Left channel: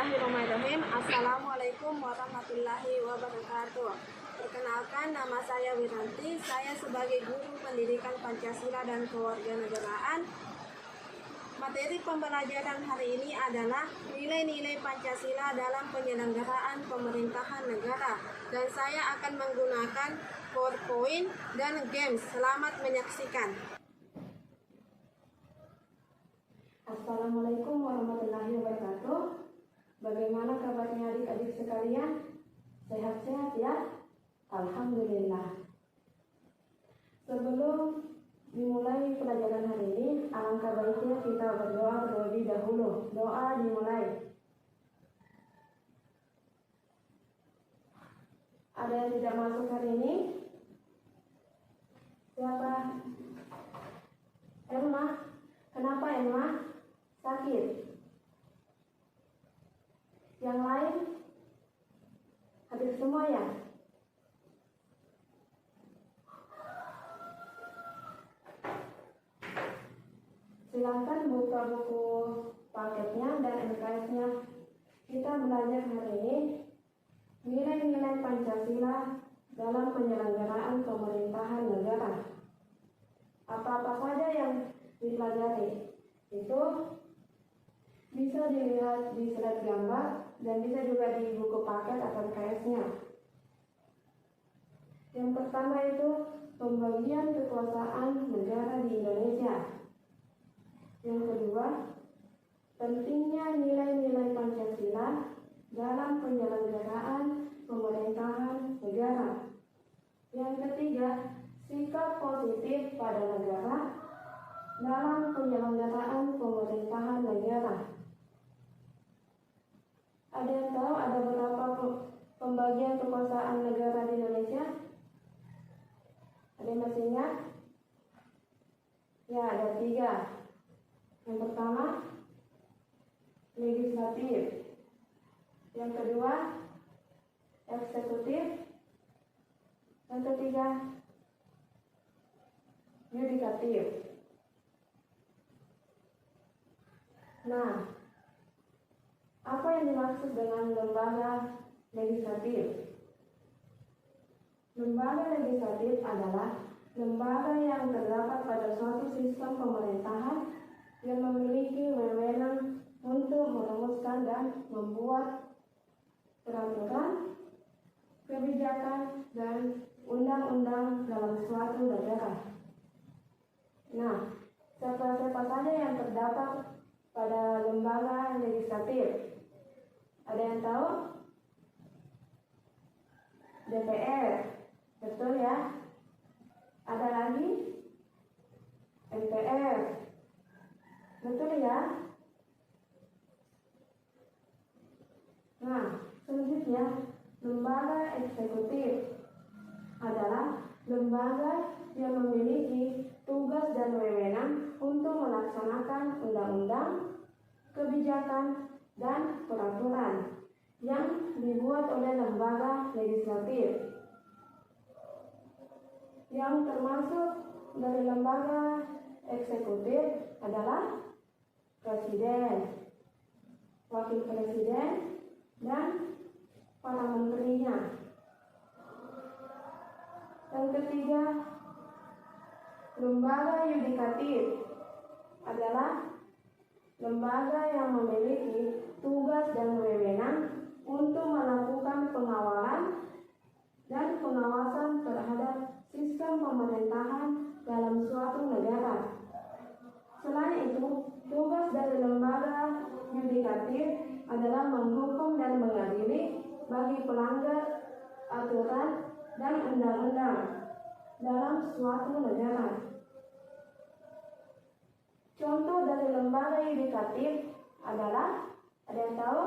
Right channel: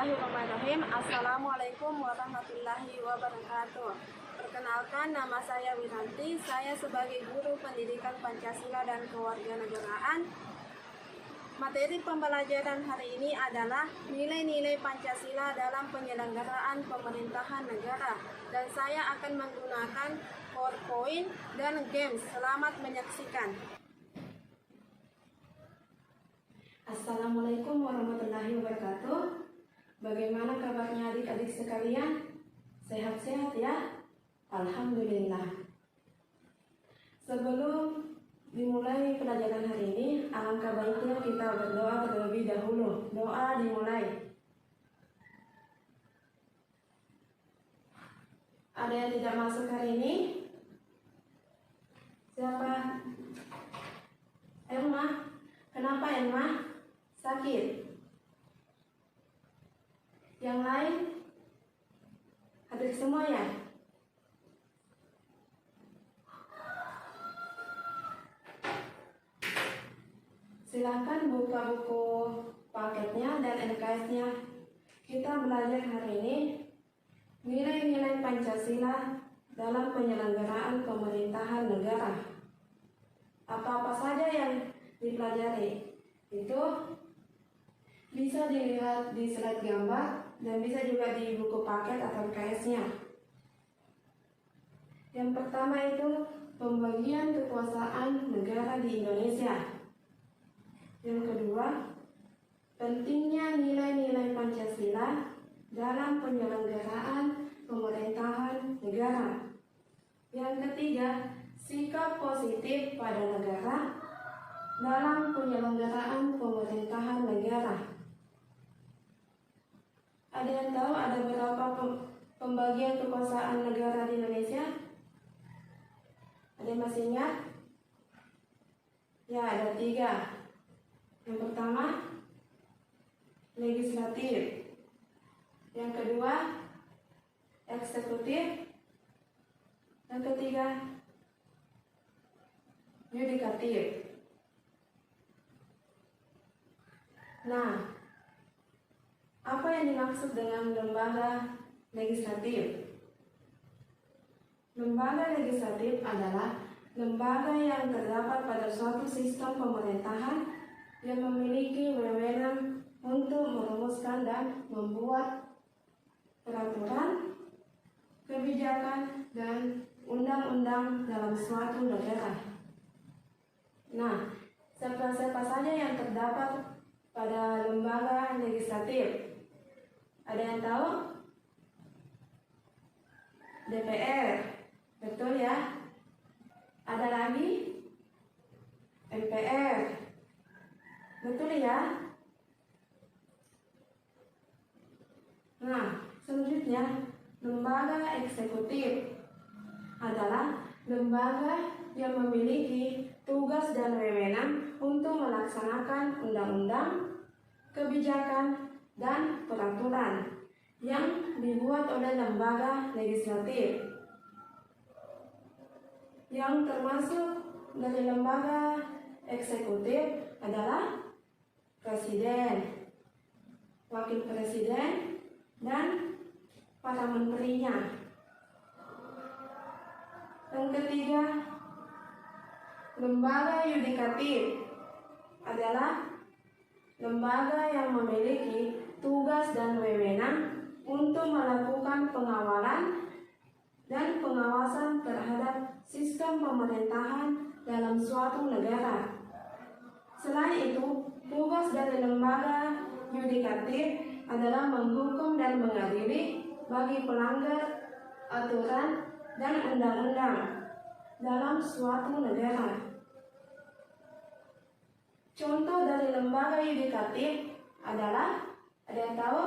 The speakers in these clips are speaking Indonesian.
Bismillahirrahmanirrahim. Assalamualaikum warahmatullahi wabarakatuh. Perkenalkan, nama saya Wiranti. Saya sebagai guru pendidikan Pancasila dan kewarganegaraan. Materi pembelajaran hari ini adalah nilai-nilai Pancasila dalam penyelenggaraan pemerintahan negara. Dan saya akan menggunakan PowerPoint dan games. Selamat menyaksikan. Assalamualaikum warahmatullahi wabarakatuh. Bagaimana kabarnya adik-adik sekalian? Sehat-sehat ya? Alhamdulillah. Sebelum dimulai pelajaran hari ini, alangkah baiknya kita berdoa terlebih dahulu. Doa dimulai. Ada yang tidak masuk hari ini? Siapa? Elma. Kenapa Elma? Sakit. Yang lain? Hadir semua ya? Silakan buka buku paketnya dan LKS-nya. Kita belajar hari ini nilai-nilai Pancasila dalam penyelenggaraan pemerintahan negara. Apa-apa saja yang dipelajari itu bisa dilihat di slide gambar dan bisa juga di buku paket atau LKS-nya. Yang pertama itu pembagian kekuasaan negara di Indonesia. Yang kedua, pentingnya nilai-nilai Pancasila dalam penyelenggaraan pemerintahan negara. Yang ketiga, sikap positif pada negara dalam penyelenggaraan pemerintahan negara. Ada yang tahu ada berapa pembagian kekuasaan negara di Indonesia? Ada yang masih ingat? Ya, ada 3. Yang pertama, legislatif. Yang kedua, eksekutif. Yang ketiga, yudikatif. Nah, apa yang dimaksud dengan lembaga legislatif? Lembaga legislatif adalah lembaga yang terdapat pada suatu sistem pemerintahan yang memiliki wewenang untuk merumuskan dan membuat peraturan, kebijakan, dan undang-undang dalam suatu negara. Nah, siapa-siapa saja yang terdapat pada lembaga legislatif? Ada yang tahu? DPR, betul ya? Ada lagi? MPR, betul ya? Nah, selanjutnya lembaga eksekutif adalah lembaga yang memiliki tugas dan wewenang untuk melaksanakan undang-undang, kebijakan, dan peraturan yang dibuat oleh lembaga legislatif. Yang termasuk dari lembaga eksekutif adalah presiden, wakil presiden, dan para menterinya. Yang ketiga, lembaga yudikatif adalah lembaga yang memiliki tugas dan wewenang untuk melakukan pengawalan dan pengawasan terhadap sistem pemerintahan dalam suatu negara. Selain itu, tugas dari lembaga yudikatif adalah menghukum dan mengadili bagi pelanggar aturan dan undang-undang dalam suatu negara. Contoh dari lembaga yudikatif adalah, ada yang tahu?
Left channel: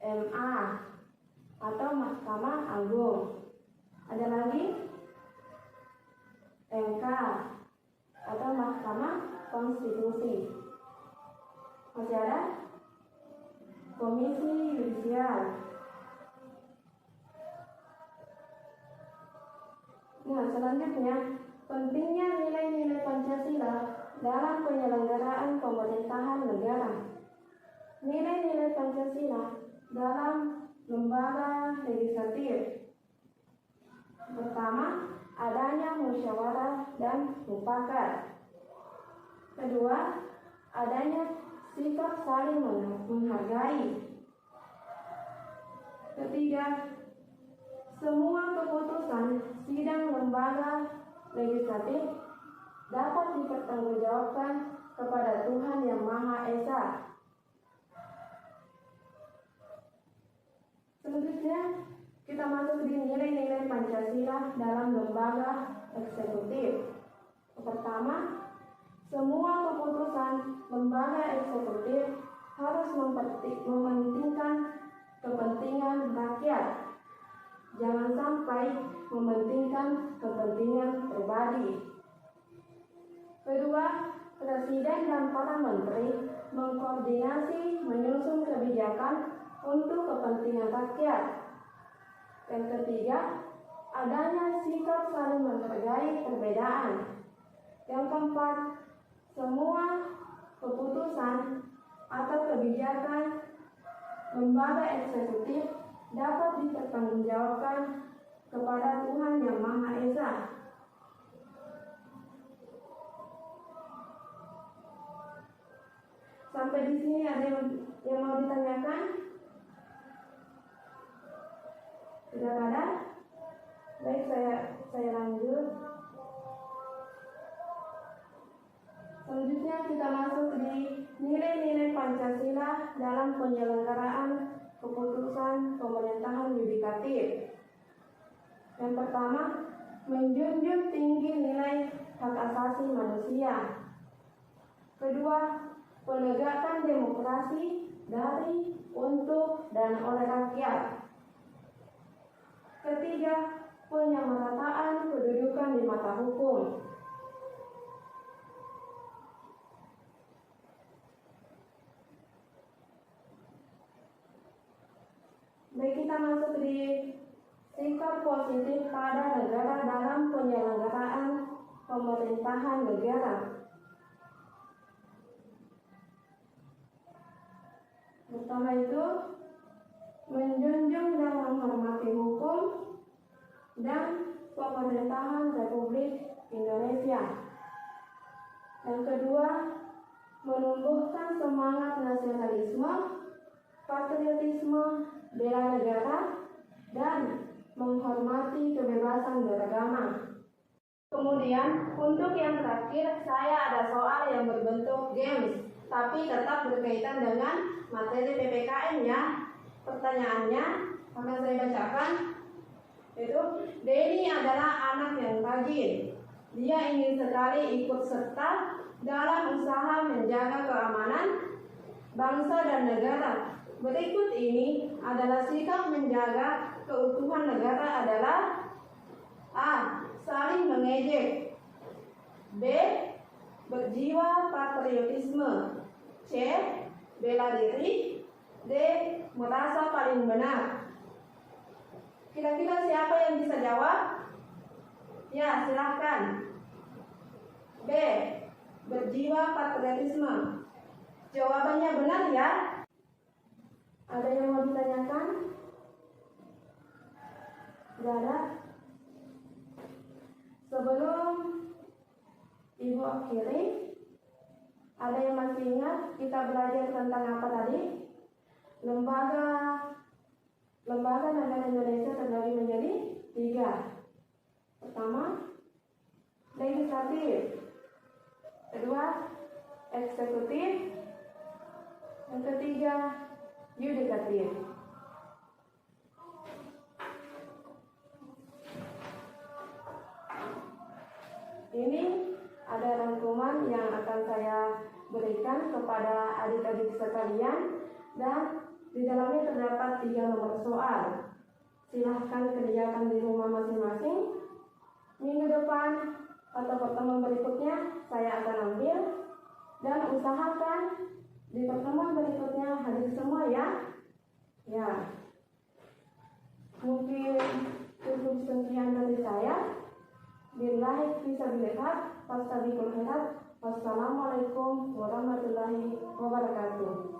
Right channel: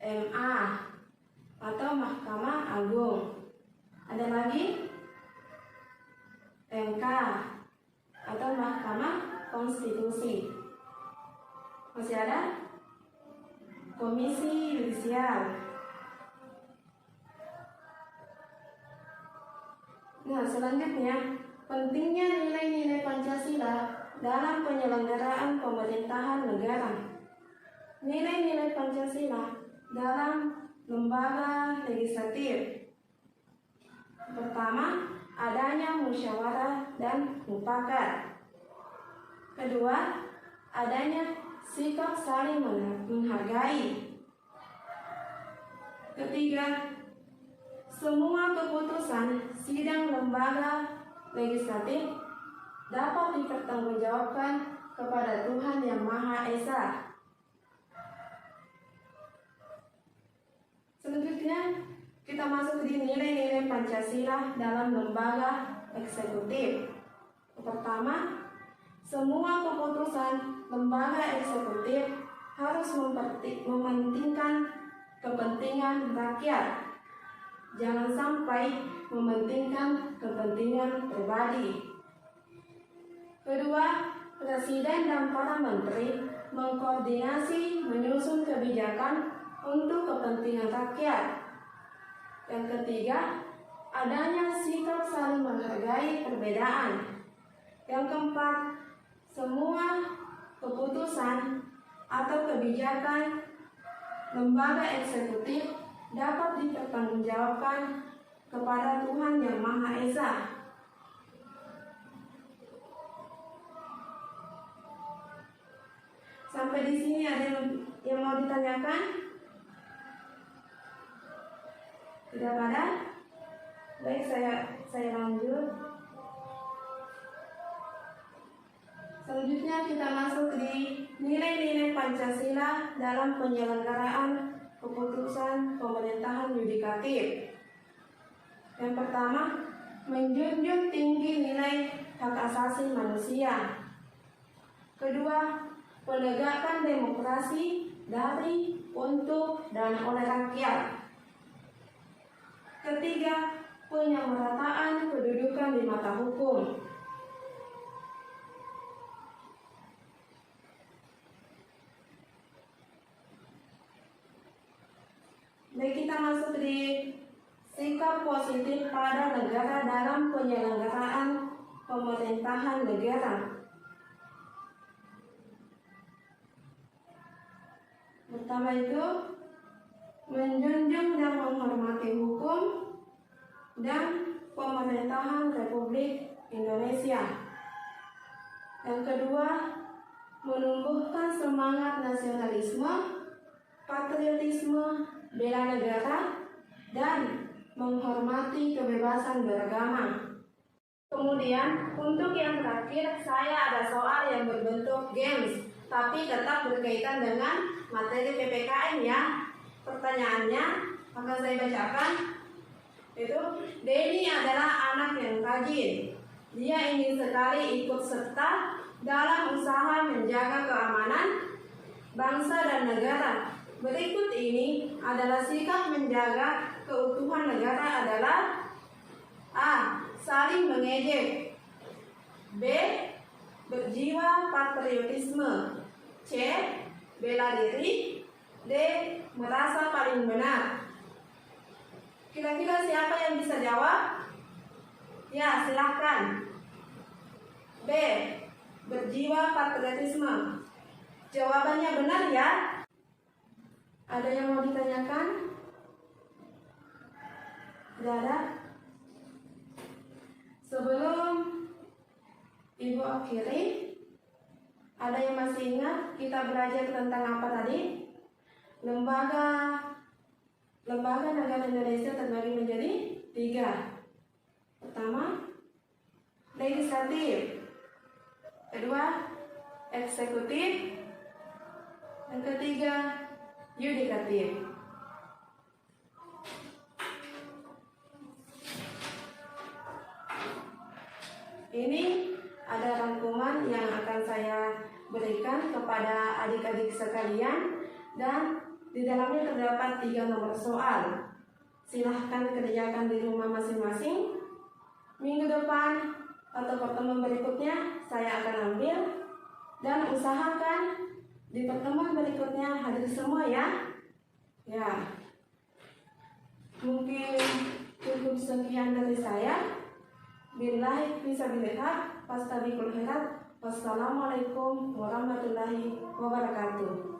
MA atau Mahkamah Agung. Ada lagi? MK atau Mahkamah Konstitusi. Masih ada? Komisi Yudisial. Nah, selanjutnya, pentingnya nilai-nilai Pancasila dalam penyelenggaraan pemerintahan negara. nilai-nilai Pancasila dalam lembaga legislatif. Pertama, adanya musyawarah dan mufakat. Kedua, adanya sikap saling menghargai. Ketiga, semua keputusan sidang lembaga legislatif dapat dipertanggungjawabkan kepada Tuhan Yang Maha Esa. Selanjutnya, kita masuk di nilai-nilai Pancasila dalam lembaga eksekutif. Pertama, semua keputusan lembaga eksekutif harus mementingkan kepentingan rakyat. Jangan sampai mementingkan kepentingan pribadi. Kedua, Presiden dan para menteri mengkoordinasi menyusun kebijakan untuk kepentingan rakyat. Yang ketiga, adanya sikap saling menghargai perbedaan. Yang keempat, semua keputusan atau kebijakan lembaga eksekutif dapat dipertanggungjawabkan kepada Tuhan Yang Maha Esa. Sampai di sini ada yang mau ditanyakan? Tidak ada? Baik, saya lanjut. Selanjutnya kita masuk di nilai-nilai Pancasila dalam penyelenggaraan keputusan pemerintahan yudikatif. Yang pertama, menjunjung tinggi nilai hak asasi manusia. Kedua, menegakkan demokrasi dari, untuk, dan oleh rakyat. Ketiga, penyamarataan kedudukan di mata hukum. Baik, kita masuk di sikap positif pada negara dalam penyelenggaraan pemerintahan negara. Pertama itu, menjunjung dan menghormati hukum dan pemerintahan Republik Indonesia. Yang kedua, menumbuhkan semangat nasionalisme, patriotisme, bela negara, dan menghormati kebebasan beragama. Kemudian, untuk yang terakhir, saya ada soal yang berbentuk games, tapi tetap berkaitan dengan materi PPKN ya. Pertanyaannya akan saya bacakan. Itu, Denny adalah anak yang rajin. Dia ingin sekali ikut serta dalam usaha menjaga keamanan bangsa dan negara. Berikut ini adalah sikap menjaga keutuhan negara adalah: A. Saling mengejek. B. Berjiwa patriotisme. C. Bela diri. D. Merasa paling benar. Kira-kira siapa yang bisa jawab? Ya, silahkan. B. Berjiwa patriotisme. Jawabannya benar ya? Ada yang mau ditanyakan? Tidak ada? Sebelum Ibu akhiri, ada yang masih ingat kita belajar tentang apa tadi? Lembaga negara Indonesia terbagi menjadi 3. Pertama, legislatif. Kedua, eksekutif. Yang ketiga, yudikatif. Ini ada rangkuman yang akan saya berikan kepada adik-adik sekalian, dan di dalamnya terdapat 3 nomor soal. Silahkan kerjakan di rumah masing-masing. Minggu depan atau pertemuan berikutnya saya akan ambil, dan usahakan di pertemuan berikutnya hadir semua ya. Ya, mungkin cukup sekian dari saya. Billahi fisabilillah, fastabiqul khairat. Wassalamualaikum warahmatullahi wabarakatuh.